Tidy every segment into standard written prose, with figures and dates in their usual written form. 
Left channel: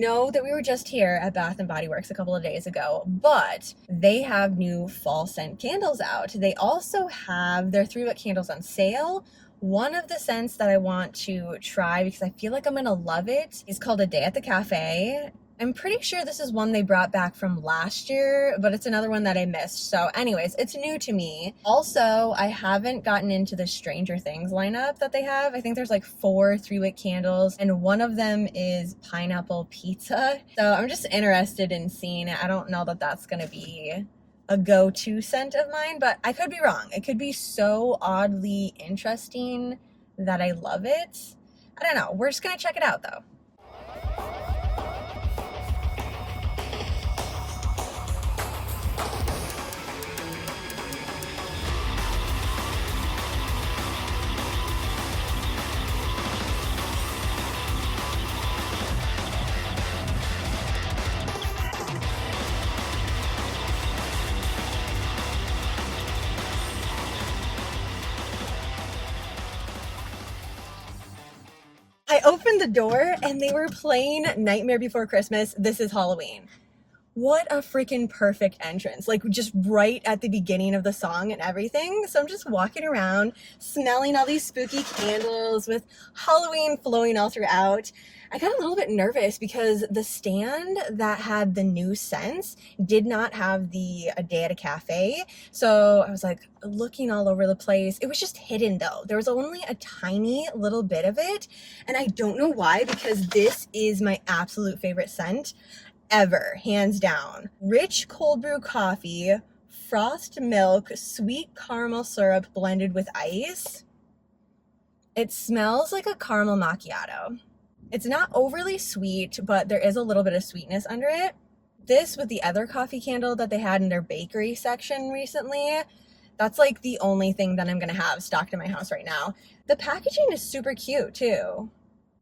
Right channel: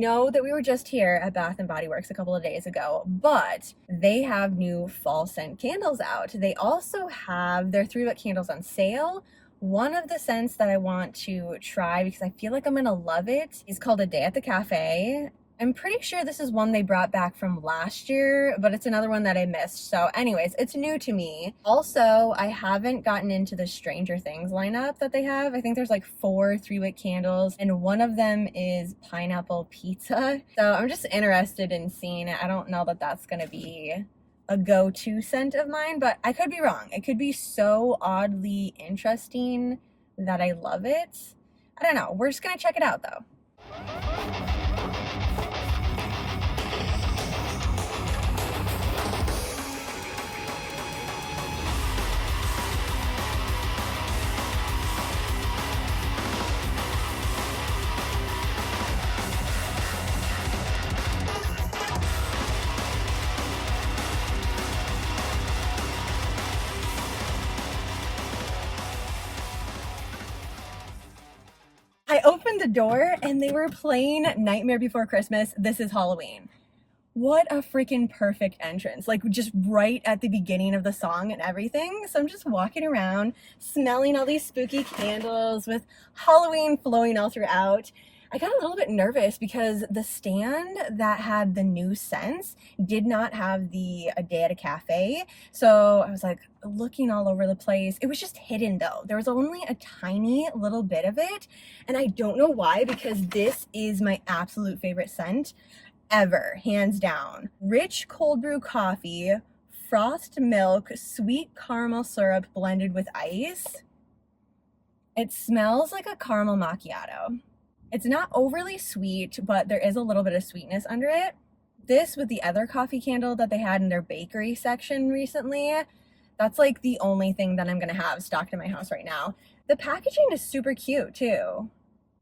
know that we were just here at Bath and Body Works a couple of days ago, but they have new fall scent candles out. They also have their 3-wick candles on sale. One of the scents that I want to try because I feel like I'm gonna love it is called A Day at the Cafe. I'm pretty sure this is one they brought back from last year, but it's another one that I missed. So anyways, it's new to me. Also, I haven't gotten into the Stranger Things lineup that they have. I think there's like 4 3-wick candles, and one of them is pineapple pizza. So I'm just interested in seeing it. I don't know that that's gonna be a go-to scent of mine, but I could be wrong. It could be so oddly interesting that I love it. I don't know. We're just gonna check it out though. I opened the door and they were playing Nightmare Before Christmas, This Is Halloween. What a freaking perfect entrance. Like just right at the beginning of the song and everything. So I'm just walking around, smelling all these spooky candles with Halloween flowing all throughout. I got a little bit nervous because the stand that had the new scents did not have the A Day at a Cafe. So I was like looking all over the place. It was just hidden though. There was only a tiny little bit of it. And I don't know why, because this is my absolute favorite scent ever, hands down. Rich cold brew coffee, frothed milk, sweet caramel syrup blended with ice. It smells like a caramel macchiato. It's not overly sweet, but there is a little bit of sweetness under it. This with the other coffee candle that they had in their bakery section recently, that's like the only thing that I'm gonna have stocked in my house right now. The packaging is super cute too.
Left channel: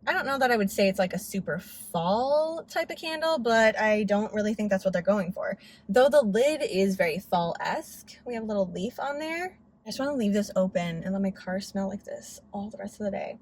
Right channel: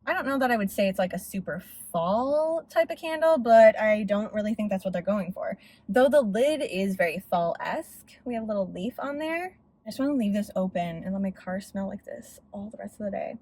I don't know that I would say it's like a super fall type of candle, but I don't really think that's what they're going for. Though the lid is very fall-esque. We have a little leaf on there. I just want to leave this open and let my car smell like this all the rest of the day.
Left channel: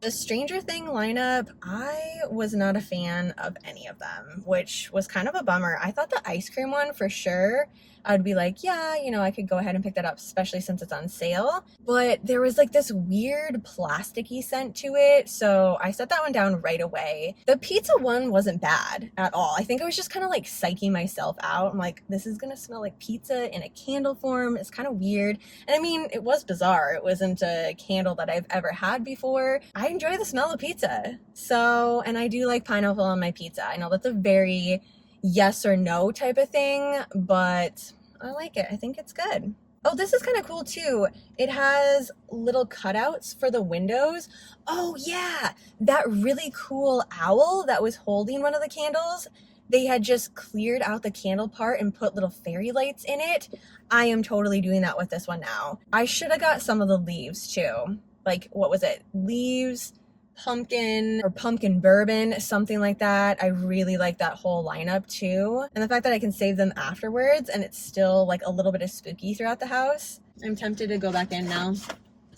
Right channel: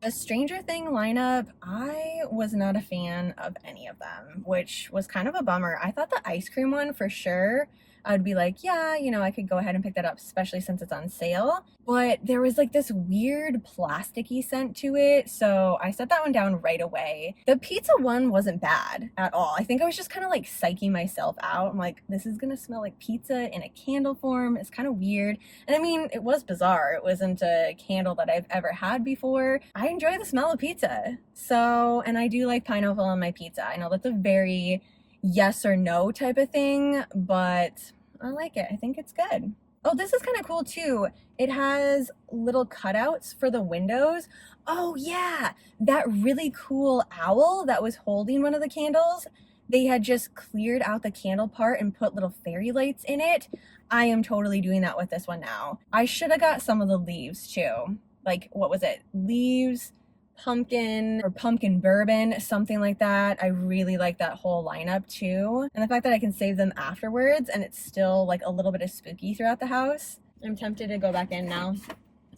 The Stranger Thing lineup, I was not a fan of any of them, which was kind of a bummer. I thought the ice cream one for sure, I'd be like, yeah, you know, I could go ahead and pick that up, especially since it's on sale. But there was like this weird plasticky scent to it, so I set that one down right away. The pizza one wasn't bad at all. I think I was just kind of like psyching myself out. I'm like, this is gonna smell like pizza in a candle form. It's kind of weird. And I mean, it was bizarre. It wasn't a candle that I've ever had before. I enjoy the smell of pizza. So, and I do like pineapple on my pizza. I know that's a very yes or no type of thing, but I like it. I think it's good. Oh, this is kind of cool too. It has little cutouts for the windows. Oh yeah, that really cool owl that was holding one of the candles, they had just cleared out the candle part and put little fairy lights in it. I am totally doing that with this one now. I should have got some of the leaves too. Like, what was it? Leaves, pumpkin, or pumpkin bourbon, something like that. I really like that whole lineup too. And the fact that I can save them afterwards and it's still like a little bit of spooky throughout the house. I'm tempted to go back in now.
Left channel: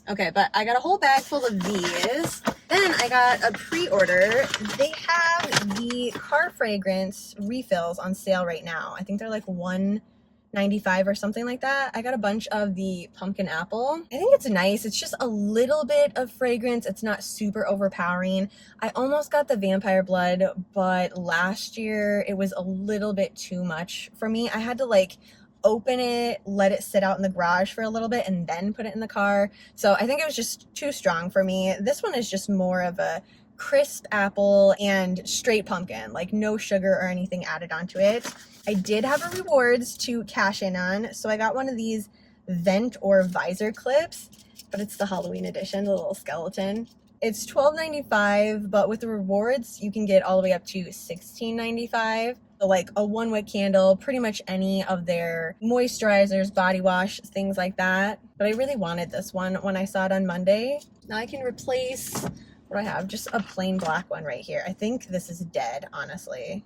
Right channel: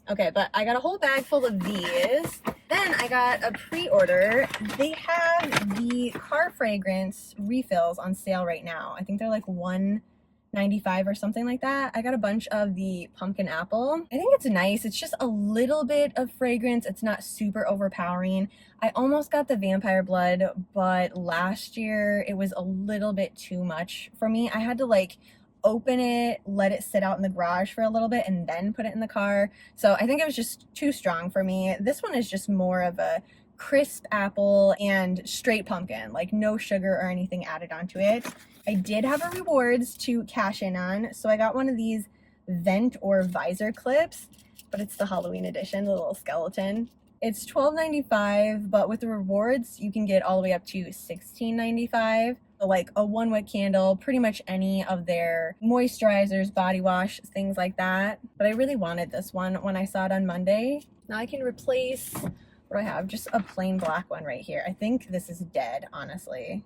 Okay, but I got a whole bag full of these. Then I got a pre-order. They have the car fragrance refills on sale right now. I think they're like $1.95 or something like that. I got a bunch of the pumpkin apple. I think it's nice. It's just a little bit of fragrance. It's not super overpowering. I almost got the vampire blood, but last year it was a little bit too much for me. I had to like open it, let it sit out in the garage for a little bit, and then put it in the car. So I think it was just too strong for me. This one is just more of a crisp apple and straight pumpkin, like no sugar or anything added onto it. I did have a rewards to cash in on, so I got one of these vent or visor clips, but it's the Halloween edition, the little skeleton. It's $12.95, but with the rewards, you can get all the way up to $16.95. So like a 1-wick candle, pretty much any of their moisturizers, body wash, things like that. But I really wanted this one when I saw it on Monday. Now I can replace, what do I have? Just a plain black one right here. I think this is dead, honestly.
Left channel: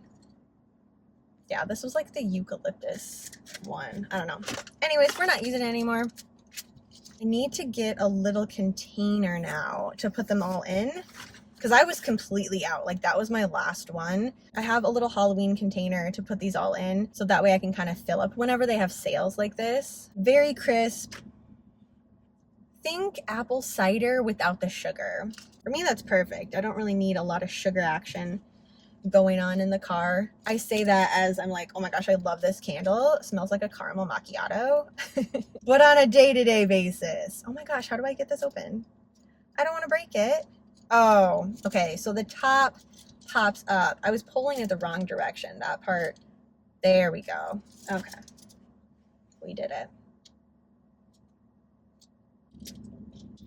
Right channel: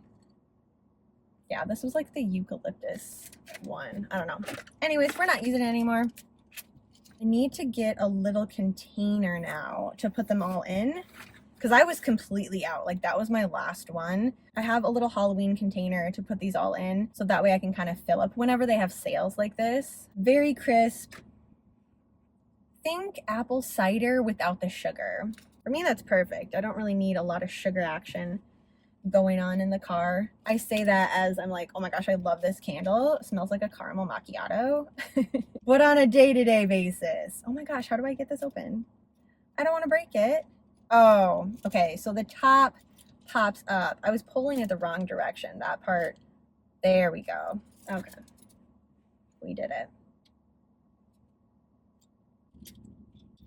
Yeah, this was like the eucalyptus one. I don't know. Anyways, we're not using it anymore. I need to get a little container now to put them all in, because I was completely out. Like, that was my last one. I have a little Halloween container to put these all in, so that way I can kind of fill up whenever they have sales like this. Very crisp. Think apple cider without the sugar. For me, that's perfect. I don't really need a lot of sugar action going on in the car. I say that as I'm like, oh my gosh, I love this candle. It smells like a caramel macchiato. But on a day-to-day basis. Oh my gosh, how do I get this open? I don't want to break it. Oh, okay. So the top pops up. I was pulling it the wrong direction. That part. There we go. Okay. We did it.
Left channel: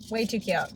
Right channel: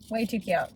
Way too cute.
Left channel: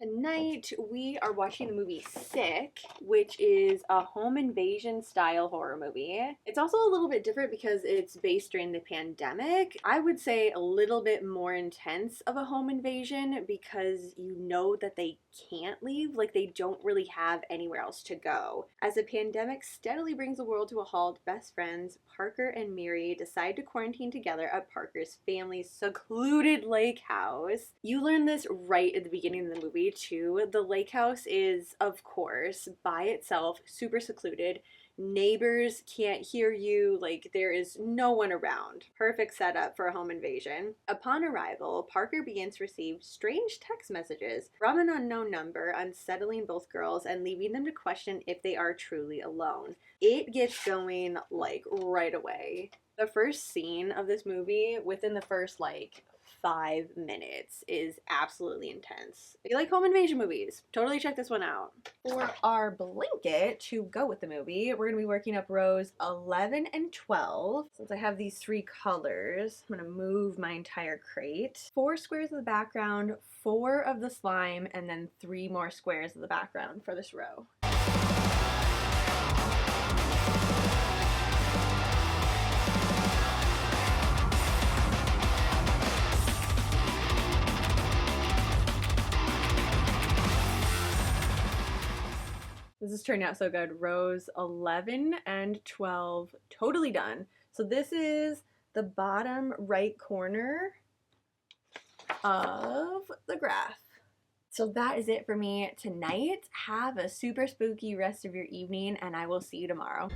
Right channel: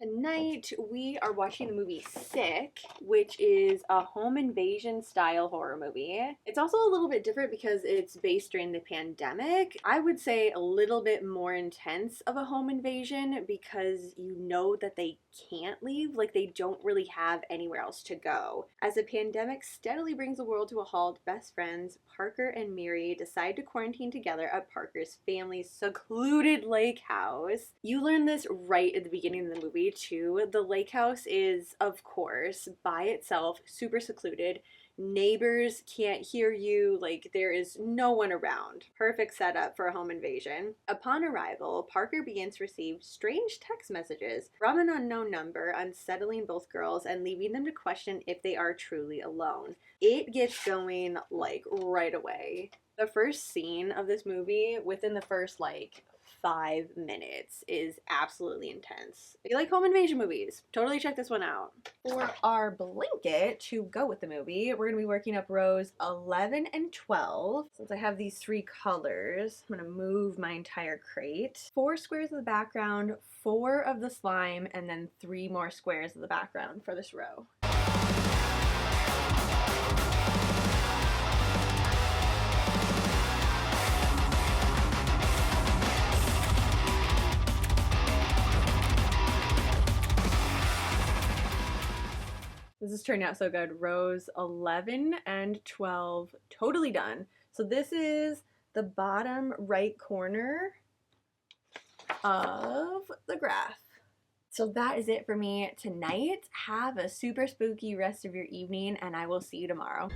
Tonight we are watching the movie Sick, which is a home invasion style horror movie. It's also a little bit different because it's based during the pandemic. I would say a little bit more intense of a home invasion because you know that they can't leave, like they don't really have anywhere else to go. As the pandemic steadily brings the world to a halt, best friends Parker and Miri decide to quarantine together at Parker's family's secluded lake house. You learn this right at the beginning of the movie too. The lake house is, of course, by itself, super secluded. Neighbors can't hear you, like there is no one around. Perfect setup for a home invasion. Upon arrival, Parker begins to receive strange text messages from an unknown number, unsettling both girls and leaving them to question if they are truly alone. It gets going like right away. The first scene of this movie, within the first like 5 minutes, is absolutely intense. If you like home invasion movies, totally check this one out. For our blanket to go with the movie, we're going to be working up rows 11 and 12. Since I have these 3 colors, I'm going to move my entire crate. 4 squares of the background, 4 of the slime, and then 3 more squares of the background for this row. This is turning out so good. Rows 11 and 12 totally done. So this is the bottom right corner of the graph. So that is it for me tonight. Have a super spooky rest of your evening, and I will see you tomorrow.